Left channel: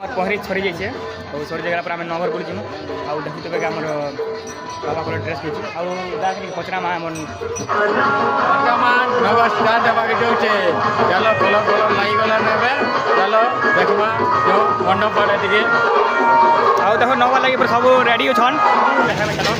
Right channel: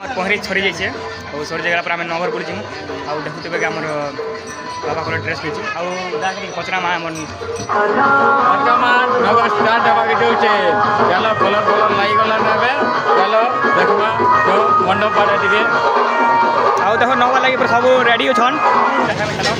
पहरी सरी जाइए और सरी जगह पर आम नगर बुली जीमु आउ देखुते आम बाबा को ड्रेस पीछे आउ पचरा माँ वर्तमान नगर स्टार्ट हवा जाऊे चलो कलर कलर लगी गला ना चलो देखा जो मंडप पड़े टे आउ देख नगर लगे सब रेडी छन देखा चलो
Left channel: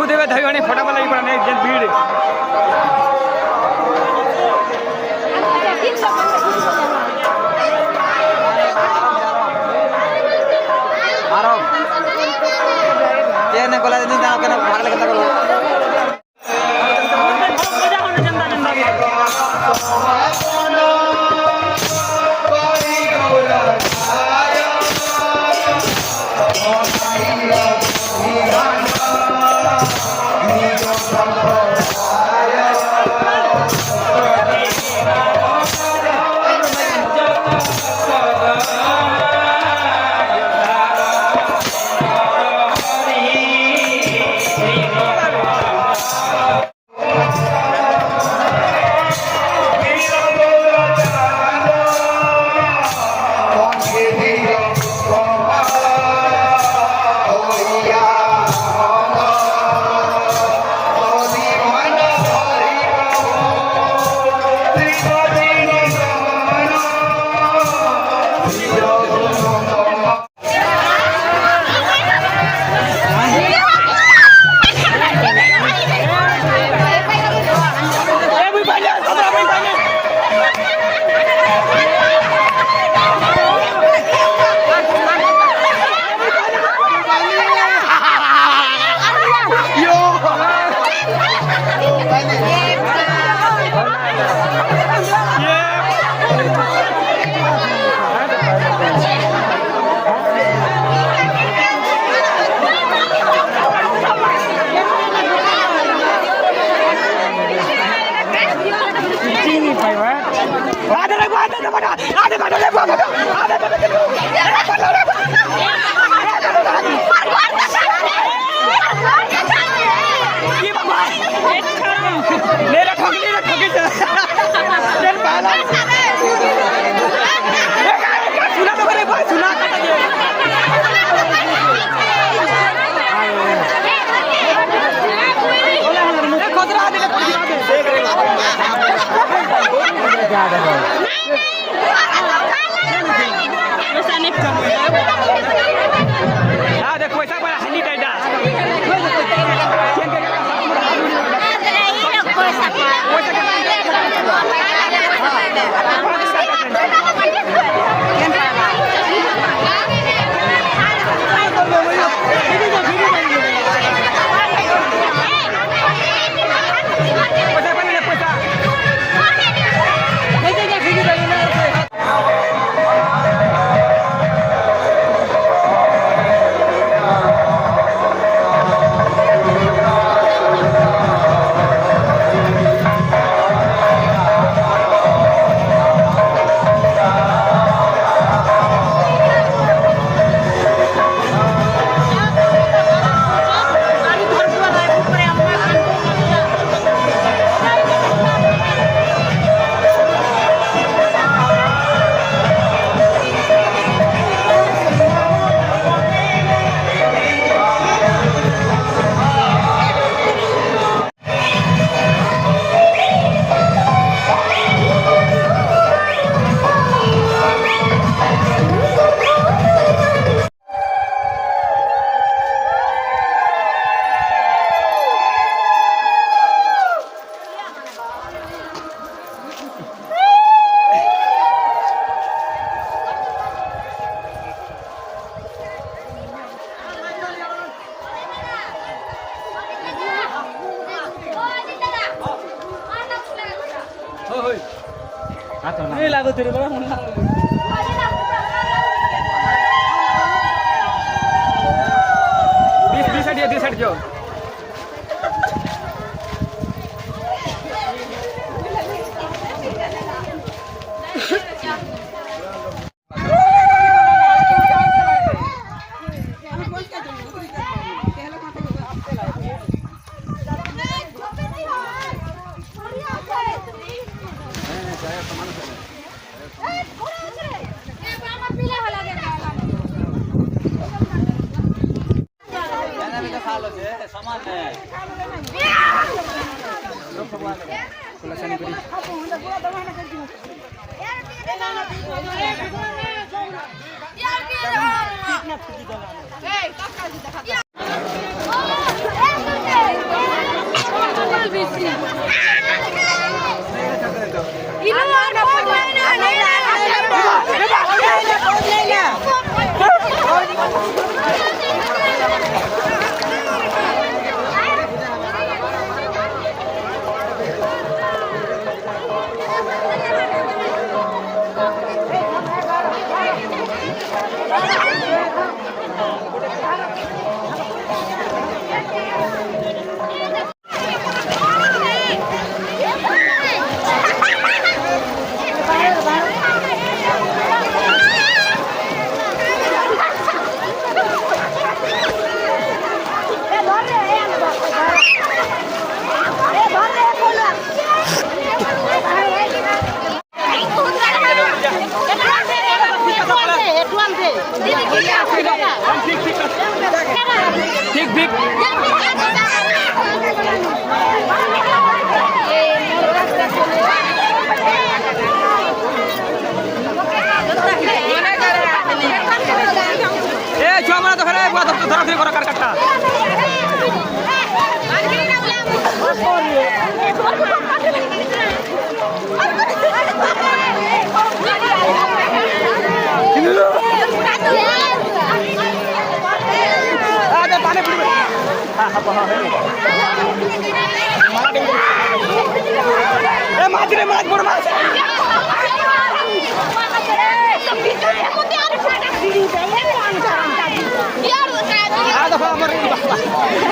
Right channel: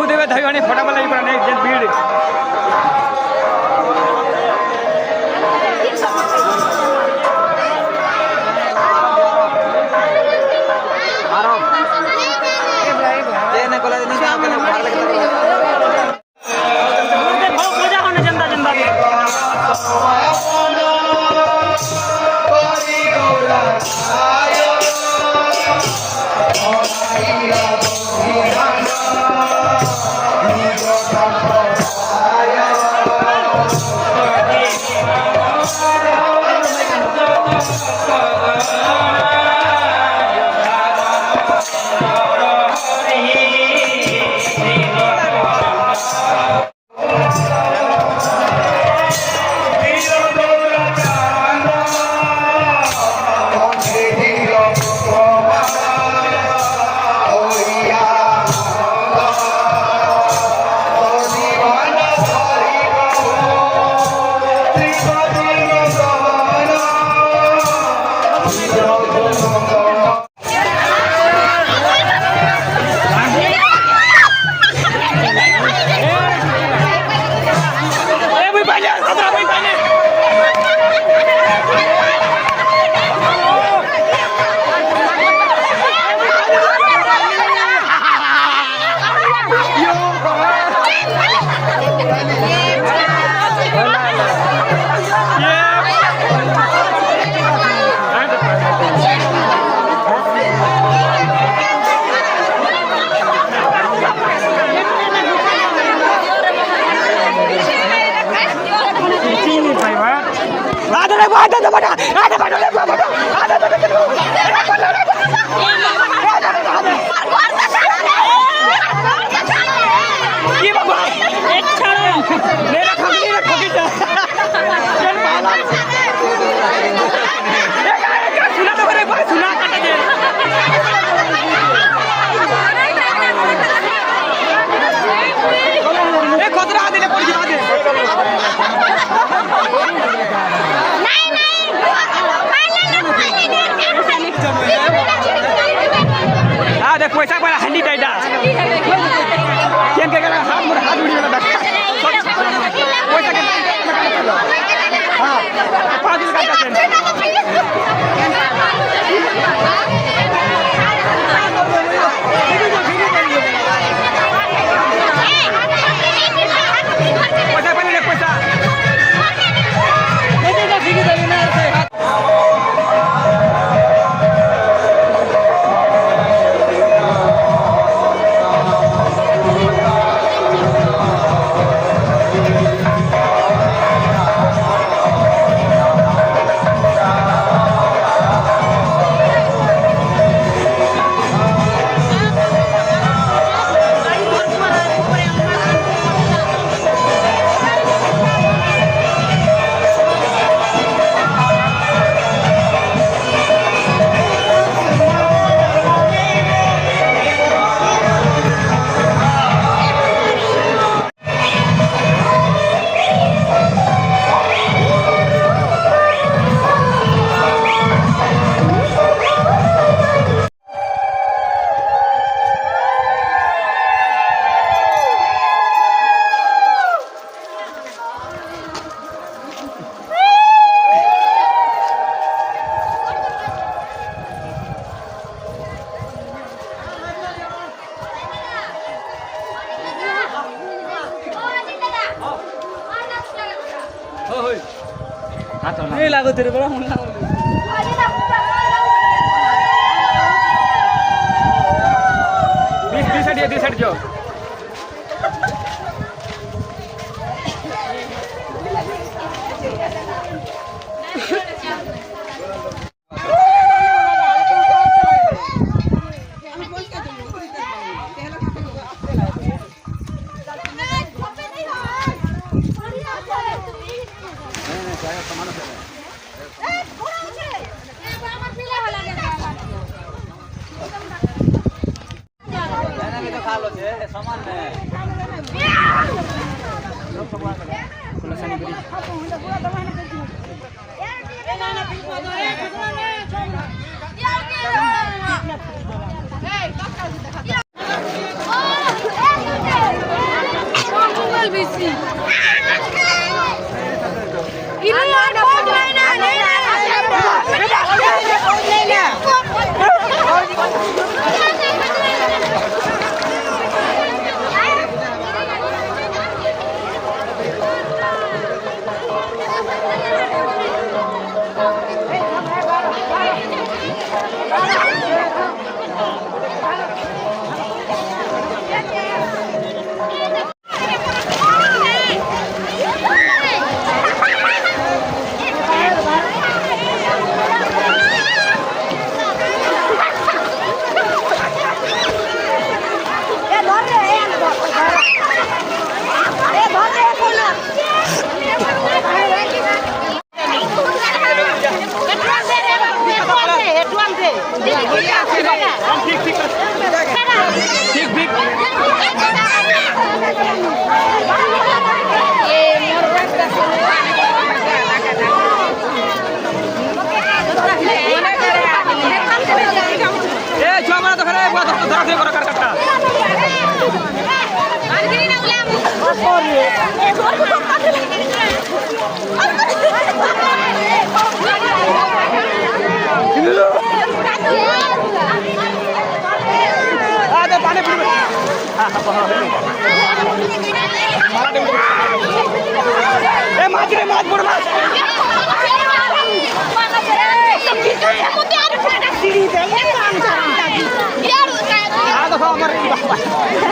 देखुथे धाई भाई फटाफट लगी पड़ा नहीं भीड़ पैसा पर हल्ली कैदा केन के हां 5 दिन का नहीं लागो तेरे बड़ा मन लागो 20 साइड जो खुलासानी बड़ी छुआ मारा तो खरे बुआ धरा धरे कर काटा दे पानी पुड़ी हां हां हे मारा दे ए माछ रे माछ बड़ माछ आ देखो हमर ई बाबा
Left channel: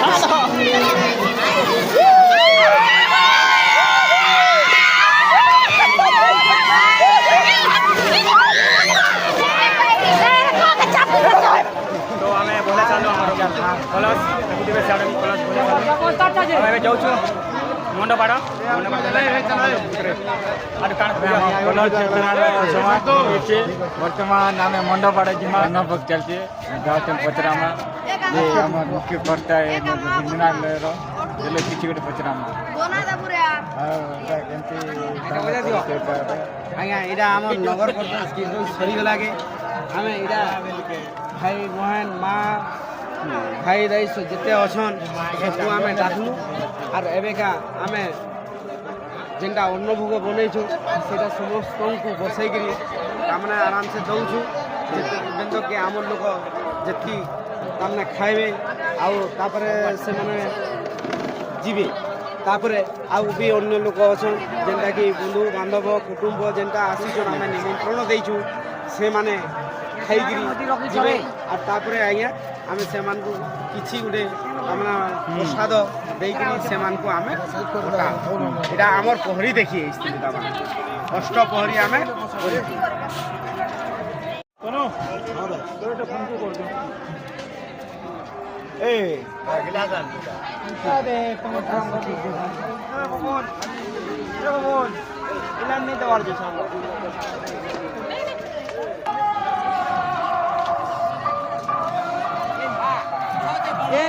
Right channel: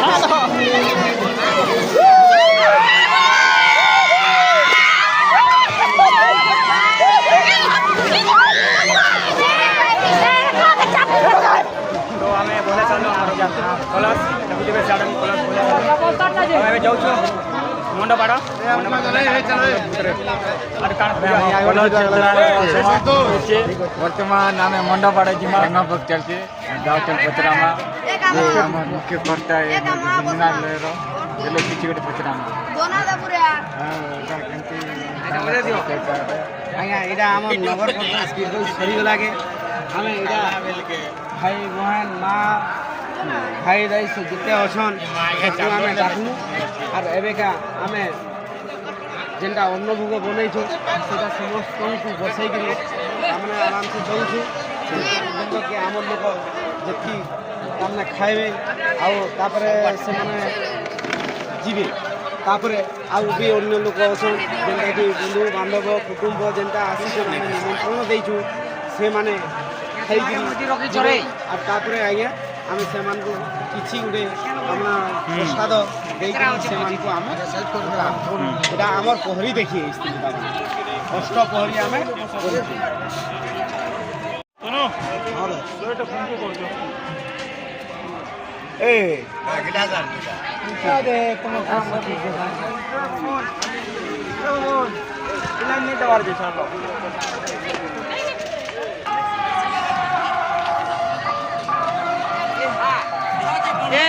आ देखो तो हमें बोले चलो हमर कलश देखुथिबे साडनी कलश बोले चलो हमें जाउछु मंडपाड़ देला कान मंडप भितरे आर कान कलश क्षेत्रार सभा होइछे वर्तमान आमे मंडपाड़ जिमा नभक चलछे गाँव चल पचरामा ये हमर मुख्य कर्ता है जिम्मेदार रो जेलो किछि गोटे पचरामा आज्ञा यहाँ आम नगर परिषद स्किल सरी लागे आम यहाँ भाई बहन माँ भाई दाई से जिते अच्छन आम डाकलु और एवेका आम जेनटा अन्न भोग बनईछु से समस्त को बसई तामने आराम से दौछु जेन कि आम लोक जी तामने खाइबे आउे से मैंने जीवे तापरे आउ भी अन्य लोक अच्छन जेनटा कि बंधु बांधव कुटुंब जेनटा आसीछन आम निमंत्रण देइछु से माने खाइकरी जीवे और तापरे आज्ञा आम से किसी गोटे आमना प्रसाद देकरी से आम यहाँ आमर पहरी देखिए स्थिति अष्ट पहरी आम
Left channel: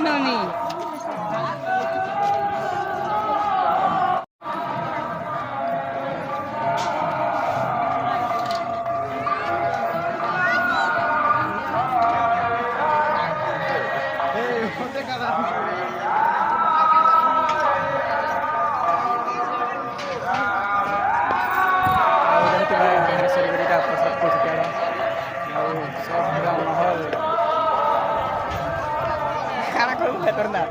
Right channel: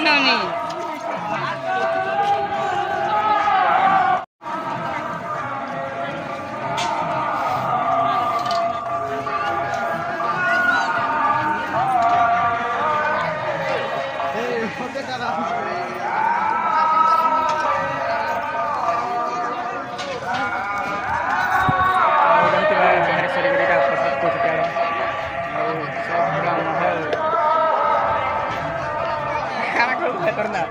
नहीं प्रसाद को माहौल खाना करना